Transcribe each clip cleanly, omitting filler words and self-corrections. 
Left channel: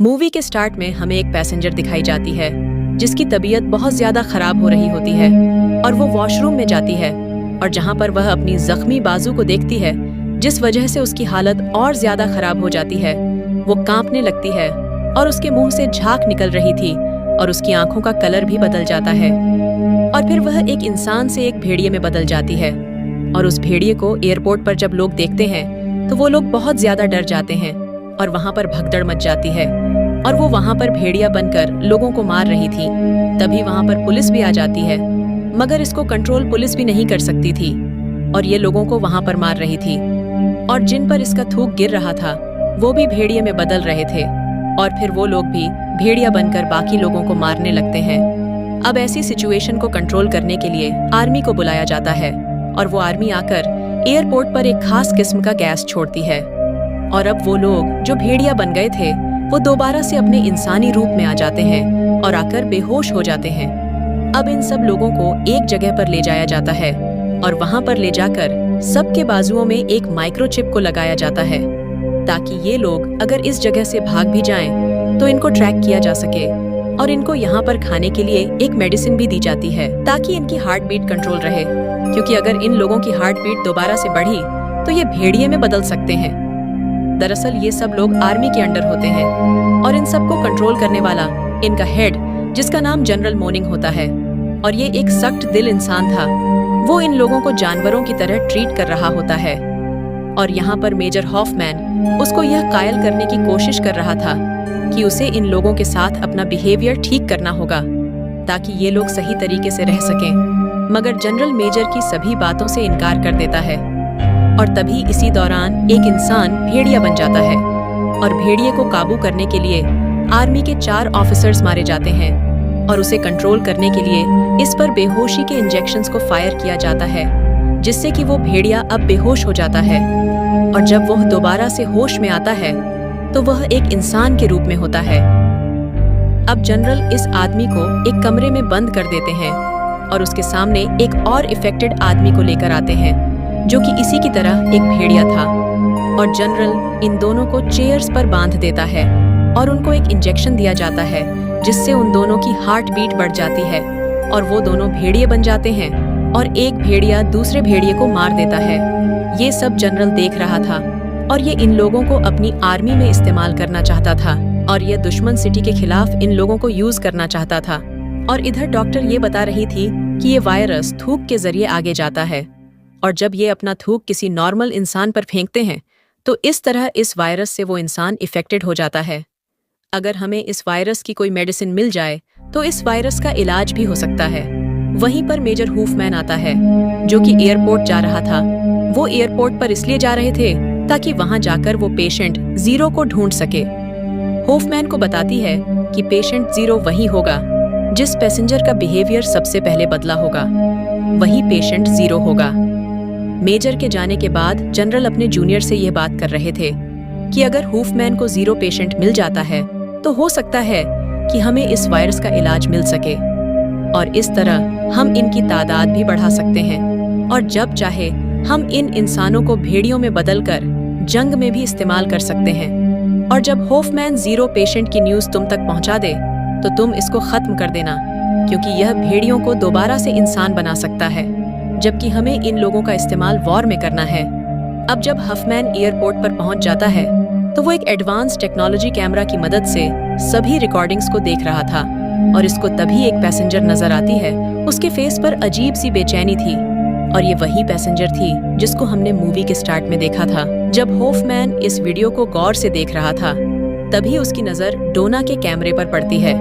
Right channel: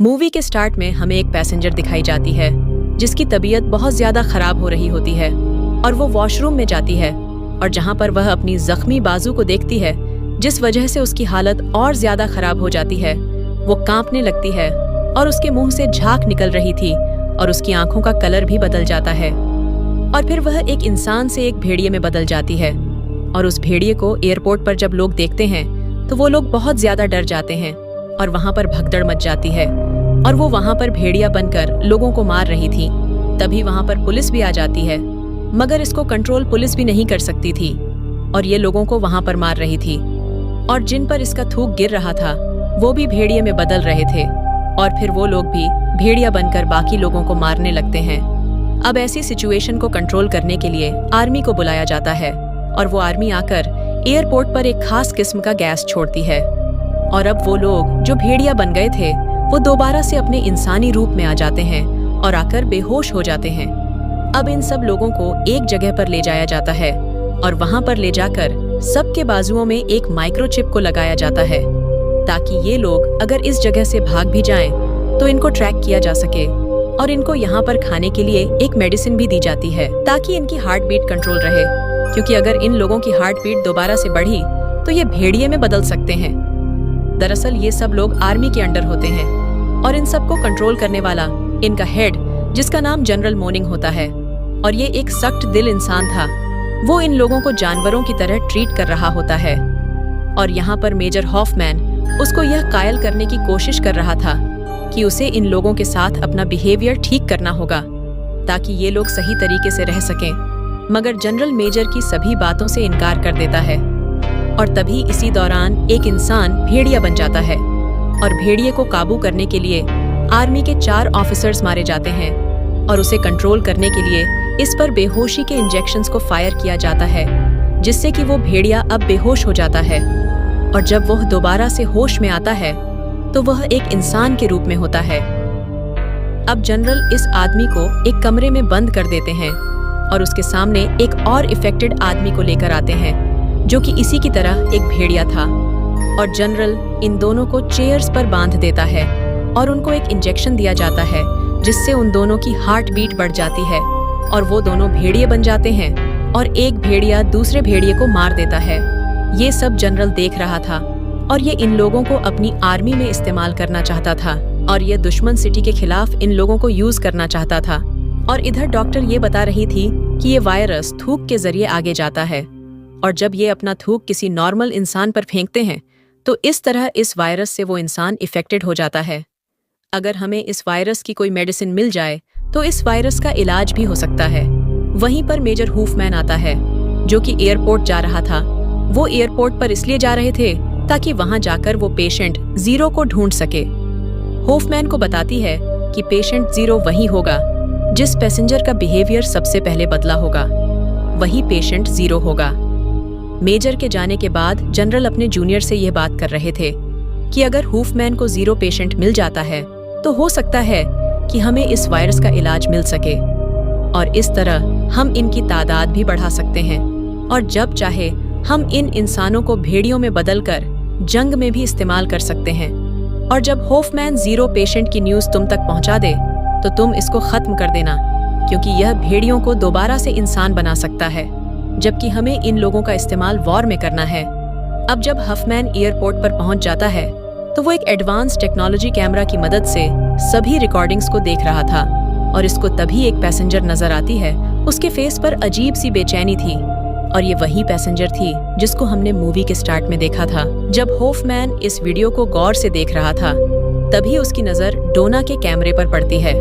Movie के start में हमें एक पैसेंजर दिखाई जाती है जिसकी तबीयत बहुत ज्यादा खराब हो रही होती है और वो वॉशरूम में जाती है और जहाँ पर वह अपनी जख्मी बाजू को देखती है जिस वजह से उसकी हालत और ज्यादा खराब हो जाती है। वो कांपने लगती है और उसके मुंह से झाग निकल रही थी और उसकी आंखों का कलर भी बदल जाता है और फिर वह एक इंसान से एक भेड़िए में बदल जाती है। और उस भेड़िए को एयरपोर्ट पर जब लोग देखते हैं तो वो लोग बहुत ज्यादा डर जाते हैं और वहाँ पर भगदड़ मच जाती है और वो वहाँ पर भेड़िया बनकर लोगों को मार रही थी। तभी वहाँ पर पुलिस भी आ जाती है, मगर इसको कंट्रोल पुलिस भी नहीं कर सकती थी और ये लोगों को वहाँ पर मार रही थी। और जिन पर इसका थूक गिर रहा था वो भी भेड़िए में बदल रहे थे और फिर वो लोग भी भेड़िया बनकर बाकी लोगों को मारने लगते हैं। अब ऐसी सिचुएशन को कंट्रोल करने के लिए आर्मी को बुलाया जाता है और वो आर्मी आकर एयरपोर्ट पर एक खास किस्म का गैस छोड़ती है और अब वो लोग जो भेड़िया बन गए थे वो दोबारा से अपने इंसानी रूप में आ जाते हैं और आकर बेहोश हो जाते हैं। अब इन सब लोगों को एक जगह पर ले जाया जाता है और वहां पर ले जाकर सबके बाजुओं में एक माइक्रोचिप को लगाया जाता है ताकि ये लोग अगर इस जगह से भाग भी जाएं तो इनको ट्रैक किया जा सके। और इनको यहाँ पर खाने के लिए एक मेडिसिन भी दी जाती है ताकि इनकी हार्ट बीट कंट्रोल रहे, क्योंकि अगर इन लोगों की हार्ट बीट दोबारा से बढ़ी तो ये भेड़िए में बदल सकते हैं। दरअसल ये सब लोग आर्मी के अंडर होते हैं और इन सबको कंट्रोल करने वाला इनका हेड, जिसका नाम जनरल मोनिंग होता है, और ये एक सख्त दिल इंसान था। वो इन लोगों को जानवरों की तरह ट्रीट कर रहा होता है और यहाँ पर मेजर हॉफमैन उसको यह कायल करने की कोशिश कर रहा था कि उसे इन लोगों के साथ अपना बिहेवियर ठीक करना होगा ताकि ये लोग सही तरीके से रह सकें। मगर जनरल मेजर की सभी बातों से इनकार कर देता है और तभी इसी दौरान एक इंसान भेड़िया बन जाता है और भेड़िए को काबू करने के लिए आर्मी के 4 ऑफिसर्स मारे जाते हैं और उसे कंट्रोल करने के लिए इस पर बेहोशी के इंजेक्शंस को फायर किया जाता है जिससे कि वो भेड़िया अब बेहोश हो जाता है। और जब वह दोबारा से होश में आता है तो वह एक इंसान के रूप में होता है। अब जनरल इस आदमी को एक कमरे में बंद कर देते हैं और उसके सामने एक और इफेक्टेड आदमी को लेकर आते हैं जो कि इसी की तरह एक भेड़िया था। और जनरल इन दोनों को चेयर्स पर बांध देता है और उनको एक इंजेक्शन दिया जाता है जिससे उन दोनों की हार्ट बीट बढ़ जाती है और वो दोनों भेड़िए बन जाते हैं और एक भेड़िया दूसरे भेड़िए को मार देता है। ये सब जनरल देख रहा था और ये इन लोगों को अपनी आर्मी में इस्तेमाल करना चाहता था और ये दुश्मन सिटी के खिलाफ इन लोगों को यूज करना चाहता था। और इधर डॉक्टर ये बता रही थी कि ये वायरस थूक के जरिए आगे जाता है और जब ये अपना थूक किसी नॉर्मल इंसान पर फेंकते हैं तो इस तरह इस वायरस से वो इंसान इफेक्टेड हो जाता है। अगर हमें इस वायरस की कोई मेडिसिन मिल जाए तो इस वायरस का इलाज भी हो सकता है। वहीं पर मेजर हूफमैन आता है जो कि एयरपोर्ट जा रहा था। वो एयरपोर्ट पर इसलिए जा रहे थे ताकि वहां जाकर वो पेशेंट जीरो को ढूंढ सके। हूफमैन को बताती है कि पेशेंट जीरो वही होगा जिस पैसेंजर का बिहेवियर सबसे पहले बदला होगा, वही पेशेंट जीरो होगा। मेजर के जाने के बाद जनरल अपने जूनियर से यह बात कर रहे थे कि अगर हूफमैन को जीरो पेशेंट मिल जाता है तो हो सकता है कि हमें इस वायरस का इलाज मिल सके और इस तरह हम इनकी तादाद भी बढ़ा सकते हैं और जब चाहे हम इन इंसानों को भेड़ियों में बदलकर जंग में भी इस्तेमाल कर सकते हैं। और जब हॉफमैन जीरो पेशेंट की न्यूज़ तुम तक पहुंचा दे तो तुम इसको खत्म कर देना, क्योंकि यह भेड़ियों को दोबारा से इंसान बना सकता है, जबकि हमें इन लोगों का इस्तेमाल वॉर में करना है। अब जब हफमैन एयरपोर्ट पर पहुंच जाता है तो वो एक एडवांस टेक्नोलॉजी कैमरा की मदद से सभी रिकॉर्डिंग्स को देख रहा था और इसको तभी एक पैसेंजर नजर आती है। उसके फेस पर अजीब सी बेचैनी थी और ये वही पैसेंजर थी जिसको हमने मूवी के स्टार्ट में देखा था। जब हॉफमैन इस वीडियो को गौर से देख रहा था तभी उसकी नजर डोना के कैमरे पर पड़ती है।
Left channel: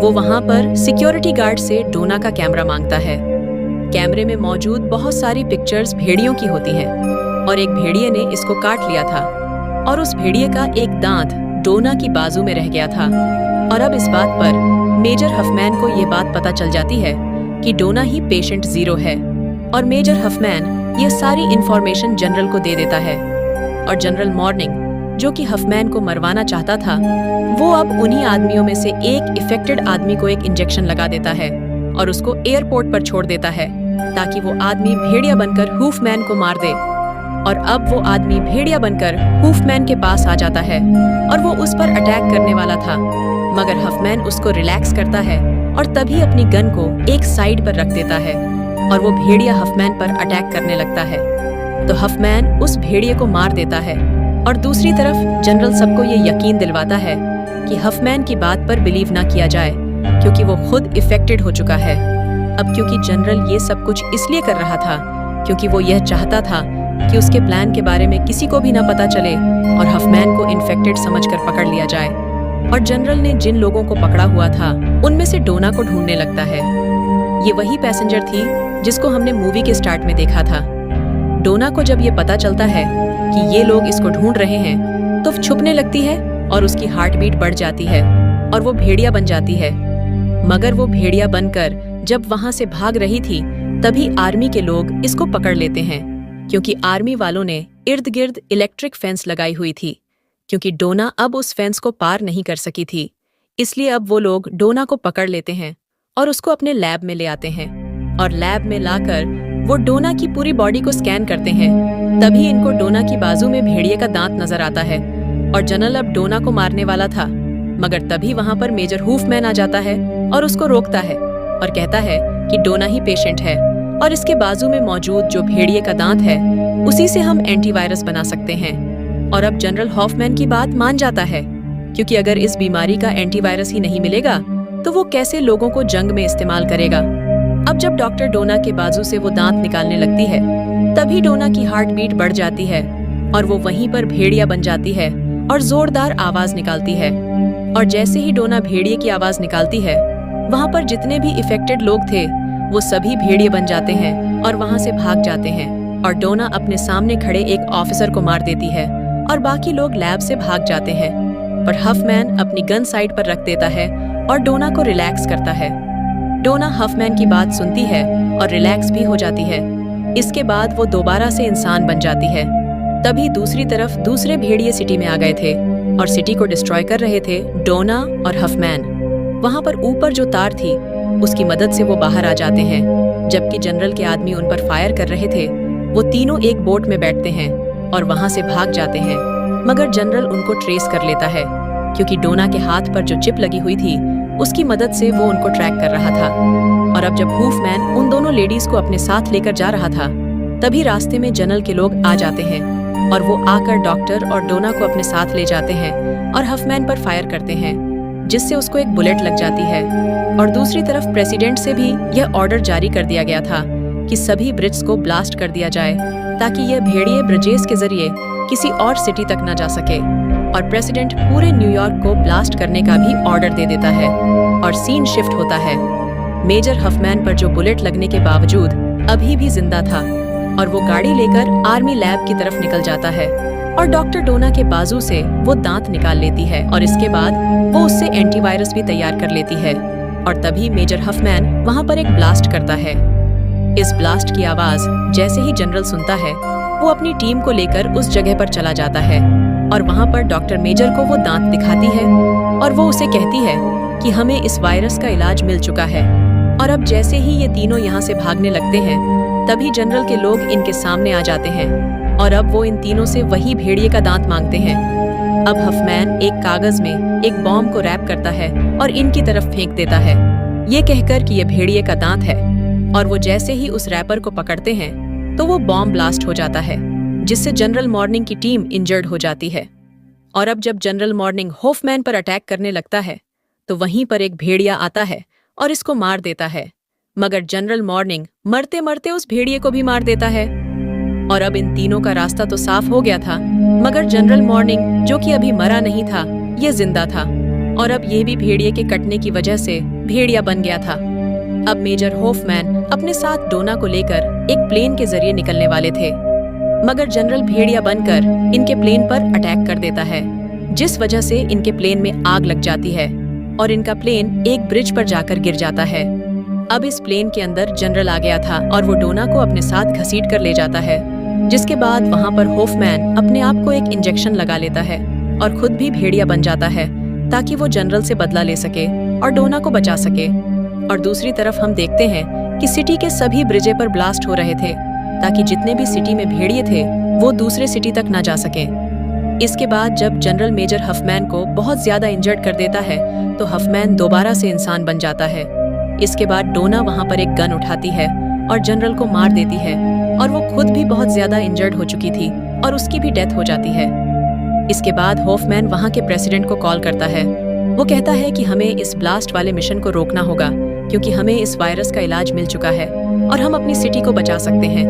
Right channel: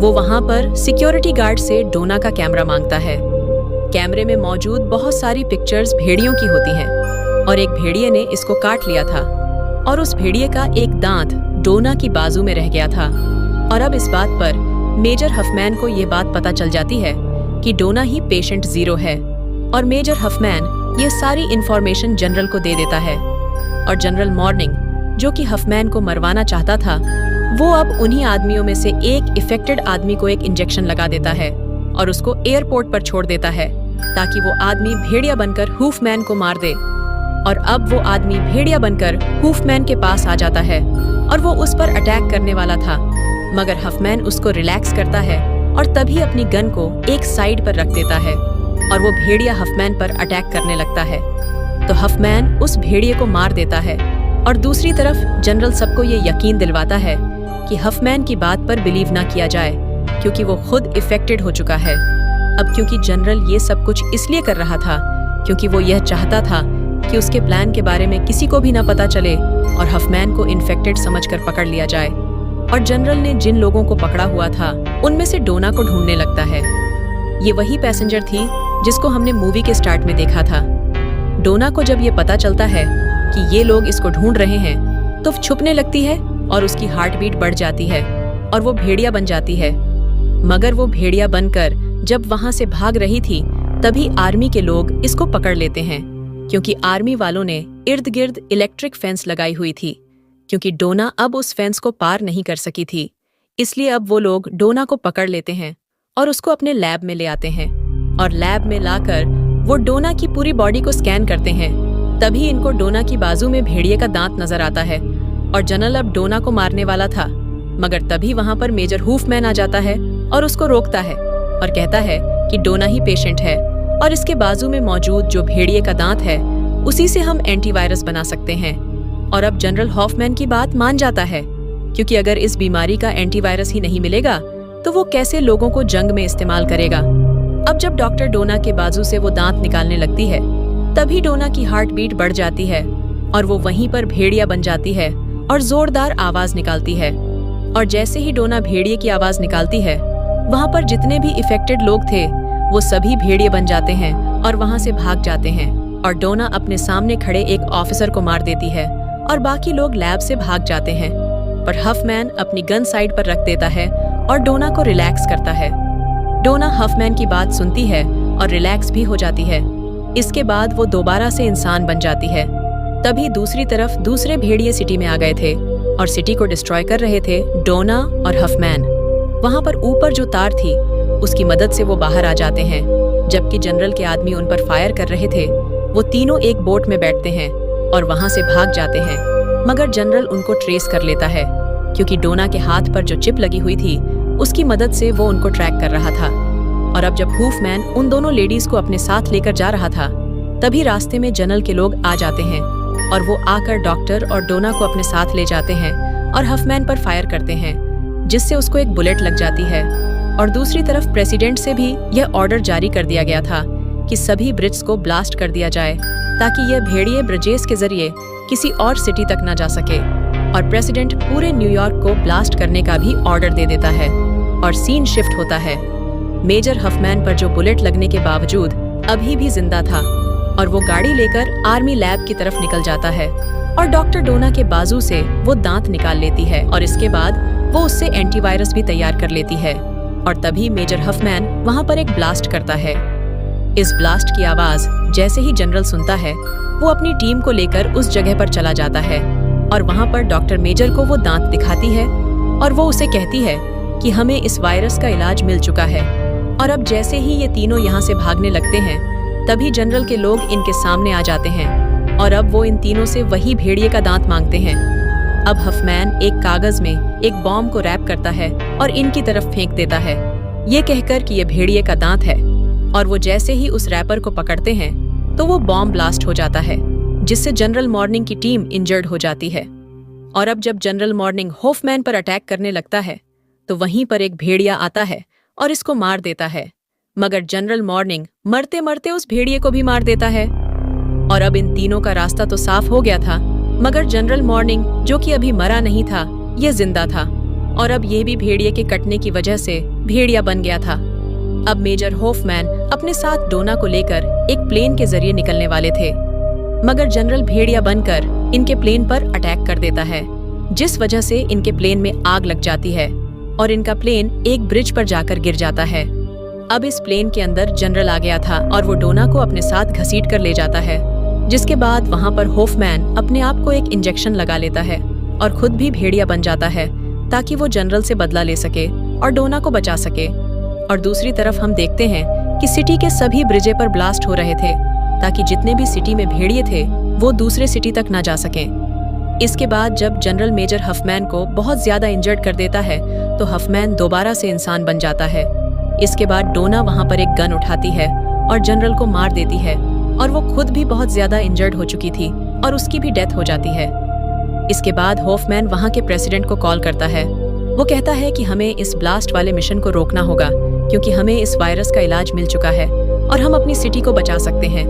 वो वहां पर सिक्योरिटी गार्ड से डोना का कैमरा मांगता है। कैमरे में मौजूद बहुत सारी पिक्चर्स भेड़ियों की होती हैं और एक भेड़िए ने इसको काट लिया था और उस भेड़िए का एक दांत डोना की बाजू में रह गया था। और अब इस बात पर मेजर हफमैन को ये बात पता चल जाती है कि डोना ही पेशेंट जीरो है और मेजर हफमैन ये सारी इंफॉर्मेशन जनरल को दे देता है। और जनरल मॉर्निंग, जो कि हफमैन को मरवाना चाहता था, वो अब उन्हीं आदमियों में से एक इफेक्टेड आदमी को एक इंजेक्शन लगा देता है और उसको एयरपोर्ट पर छोड़ देता है ताकि वो आदमी भेड़िया बनकर हूफमैन को मार दे। और अब वो आदमी भेड़िया बनकर हूफमैन के पास आ जाता है और वो उस पर अटैक करने वाला था, मगर हफमैन उसको रिलैक्स करता है और तभी अपनी गन को एक साइड पर रख देता है और वो भेड़िया हफमैन पर अटैक करने लगता है। तो हफमैन उस भेड़िए को मार देता है और दूसरी तरफ जनरल सबको ये यकीन दिलवाता है कि हफमैन की बात पर बिलीव ना किया जाए, क्योंकि वो खुद इफेक्टेड हो चुका है। अब क्योंकि जनरल ये सब कुछ इसलिए कर रहा था क्योंकि वो यह चाहता था कि उसके प्लान के बारे में किसी को भी ना पता चले और हफमैन को इन्फेक्टेड समझकर पकड़ लिया जाए। और जनरल ने जिन लोगों को पकड़ा हुआ था उनमें से डोना को ढूंढने लगता है। ये वही पैसेंजर थी जिसको हमने मूवी के स्टार्ट में देखा था। डोना को जब ये पता चलता है कि ये लोग इसको ढूंढ रहे हैं तो छुपने लगती है और उसकी हार्ट बीट बढ़ जाती है और वो भेड़िया बन जाती है। मगर वो भेड़िया बनकर जब वहां से भाग रही थी तभी आर्मी के लोग इसको पकड़ लेते हैं, क्योंकि आर्मी वालों ने इर्द गिर्द इलेक्ट्रिक फेंस लगाई हुई थी। क्योंकि डोना अब उस फेंस को पार नहीं कर सकी थी, इसलिए अब वो लोग डोना को पकड़ लेते हैं और उसको अपने लैब में ले आते हैं और लैब में लाकर वो डोना की पूरी बॉडी को स्कैन करते हैं। तभी इनको डोना की बाजू में भेड़िए का दांत नजर आता है और जनरल अब डोना को मारने वाला था, मगर तभी वहां पर मेजर हूफमैन आ जाता है और उसको रोकता है और कहता है कि डोना ही पेशेंट है और इसके बाजू में मौजूद जो भेड़िए का दांत है उसी से हम एंटीवायरस बना सकते हैं। और अब जनरल हॉफमैन की बात मान जाता है, क्योंकि अगर इस बीमारी का एंटीवायरस ही नहीं मिलेगा तो वो कैसे लोगों को जंग में इस्तेमाल करेगा। अब जब डॉक्टर डोना के बाजू से वो दांत निकालने लगती है तभी डोना की हार्ट बीट बढ़ जाती है और वो वहीं पर भेड़िया बन जाती है और जोरदार आवाज निकालती है। और जैसे ही डोना भेड़िए की आवाज निकालती है वहां पर जितने भी इफेक्टेड लोग थे वो सभी भेड़िए बन जाते हैं और वहां से भाग जाते हैं। और डोना अपने सामने खड़े एक ऑफिसर को मार देती है और बाकी लोग लैब से भाग जाते हैं। पर हफमैन अपनी गन साइड पर रख देता है और डोना को रिलैक्स करता है। डोना हफमैन की बात सुनती है और रिलैक्स भी हो जाती है। इसके बाद वो दोबारा से इंसान बन जाती है। तभी दूसरी तरफ दूसरे भेड़िए सिटी में आ गए थे और सिटी को डिस्ट्रॉय कर रहे थे डोना और हफमैन। वहां पर ऊपर जो तार थी उसकी मदद से वो बाहर आ जाते हैं। जबकि जनरल के आदमी उन पर फायर कर रहे थे वो तीनों एक बोट में बैठते हैं और वहां से भाग जाते हैं। मगर जनरल उनको ट्रेस कर लेता है, क्योंकि डोना के हाथ पर जो चिप लगी हुई थी उसकी मदद से वो उनको ट्रैक कर रहा था। और अब जब हूफमैन उन दोनों लेडीज को अपने साथ लेकर जा रहा था तभी रास्ते में जनरल के लोग आ जाते हैं और वो आकर डॉक्टर और डोना को अपने साथ ले जाते हैं और हफमैन पर फायर करते हैं, जिससे उसको एक बुलेट लग जाती है। और दूसरी तरफ प्रेसिडेंट से भी यह ऑर्डर जारी कर दिया गया था कि सभी ब्रिज को ब्लास्ट कर दिया जाए ताकि यह भेड़िए ब्रिजेस के जरिए किसी और सिटी तक न जा सके। और प्रेसिडेंट पूरे न्यूयॉर्क को ब्लास्ट करने का भी ऑर्डर दे देता है और सीन शिफ्ट होता है। मेजर हफमैन पर जो बुलेट लगने के बावजूद अभी भी जिंदा था और वो गाड़ी लेकर आर्मी लैब की तरफ निकल जाता है और डॉक्टर डोना के बाजू से वो दांत निकाल लेती है और इसके बाद वो उससे एंटीवायरस भी तैयार कर लेती है। और तभी मेजर हफमैन वहां पर एक ब्लास्ट करता है। इस ब्लास्ट की आवाज जैसे ही जनरल सुनता है वो अपनी टीम को लेकर उस जगह पर चला जाता है और वहां पर डॉक्टर मेजर को वो दांत दिखाती है और वो उसे कहती है कि हमें इस वायरस का इलाज मिल चुका है। और अब जैसे ही ये तीनों यहाँ से भागने लगते हैं तभी जनरल के लोग इनके सामने आ जाते हैं और अब वो इन तीनों से वही भेड़िए का दांत मांगते हैं। अब हफमैन एक कागज में एक बॉम्ब को रैप करता है और इनकी तरफ फेंक देता है, ये कहकर कि ये भेड़िए का दांत है। और वो जैसे ही उस रैपर को पकड़ते हैं तो वो बॉम्ब ब्लास्ट हो जाता है, जिससे जनरल मॉर्निंग की टीम इंजर्ड हो जाती है। और अब जब जनरल मॉर्निंग हॉफमैन पर अटैक करने लगता है तो वहीं पर एक भेड़िया आता है और इसको मार देता है, मगर जनरल मॉर्निंग मरते मरते उस भेड़िए को भी मार देता है। और अब इन तीनों का रास्ता तो साफ हो गया था, मगर जनरल मॉर्निंग जो कि अभी मरा नहीं था ये जिंदा था और अब ये भी भेड़िए के कटने की वजह से भेड़िया बन गया था। अब मेजर हॉफमैन अपने साथ डोना को लेकर एक प्लेन के जरिए निकलने वाले थे, मगर जनरल भेड़िया बनकर इनके प्लेन पर अटैक कर देता है, जिस वजह से इनके प्लेन में आग लग जाती है और इनका प्लेन एक ब्रिज पर जाकर गिर जाता है। अब इस प्लेन के अंदर जनरल आ गया था और वो डोना को अपने साथ घसीट कर ले जाता है, जिसके बाद वहां पर हॉफमैन अपने आप को एक इंजेक्शन लगा लेता है और खुद भी भेड़िया बन जाता है ताकि वो जनरल से बदला ले सके और डोना को बचा सके। और दूसरी तरफ हम देखते हैं कि सिटी के सभी ब्रिजे पर ब्लास्ट हो रहे थे ताकि जितने भी सिटी में भेड़िए थे वो दूसरे सिटी तक ना जा सकें। इसके बाद जब जनरल मेजर हफमैन को बहुत ज्यादा इंजर्ड कर देता है तो हफमैन दोबारा से इंसान बन जाता है। इसके बाद डोना वहां पर एक गन उठाती है और जनरल को मार देती है और वो खुद भी बहुत ज्यादा इंजर्ड हो चुकी थी और उसकी भी डेथ हो जाती है। इसके बाद हॉफमैन वहां के प्रेसिडेंट को कॉल करता है। वो कहता है कि हमें इस ब्लास्ट वाले मिशन को रोकना होगा क्योंकि हमें इस वायरस का इलाज मिल चुका है और हम अपनी सिटी को बचा सकते हैं।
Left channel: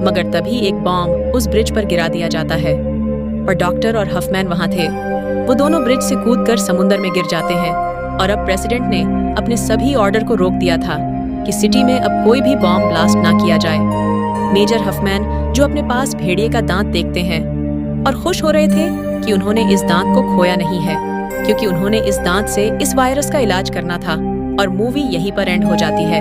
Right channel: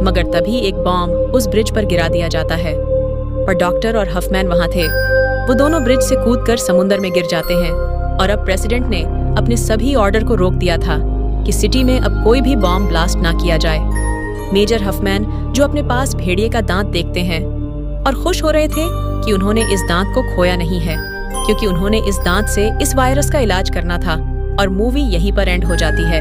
मगर तभी एक बॉम्ब उस ब्रिज पर गिरा दिया जाता है और डॉक्टर और हफमैन वहां थे। वो दोनों ब्रिज से कूदकर समुंदर में गिर जाते हैं और अब प्रेसिडेंट ने अपने सभी ऑर्डर को रोक दिया था कि सिटी में अब कोई भी बॉम्ब ब्लास्ट ना किया जाए। मेजर हफमैन जो अपने पास भेड़िए का दांत देखते हैं और खुश हो रहे थे कि उन्होंने इस दांत को खोया नहीं है क्योंकि उन्होंने इस दांत से इस वायरस का इलाज करना था। और मूवी यहीं पर एंड हो जाती है।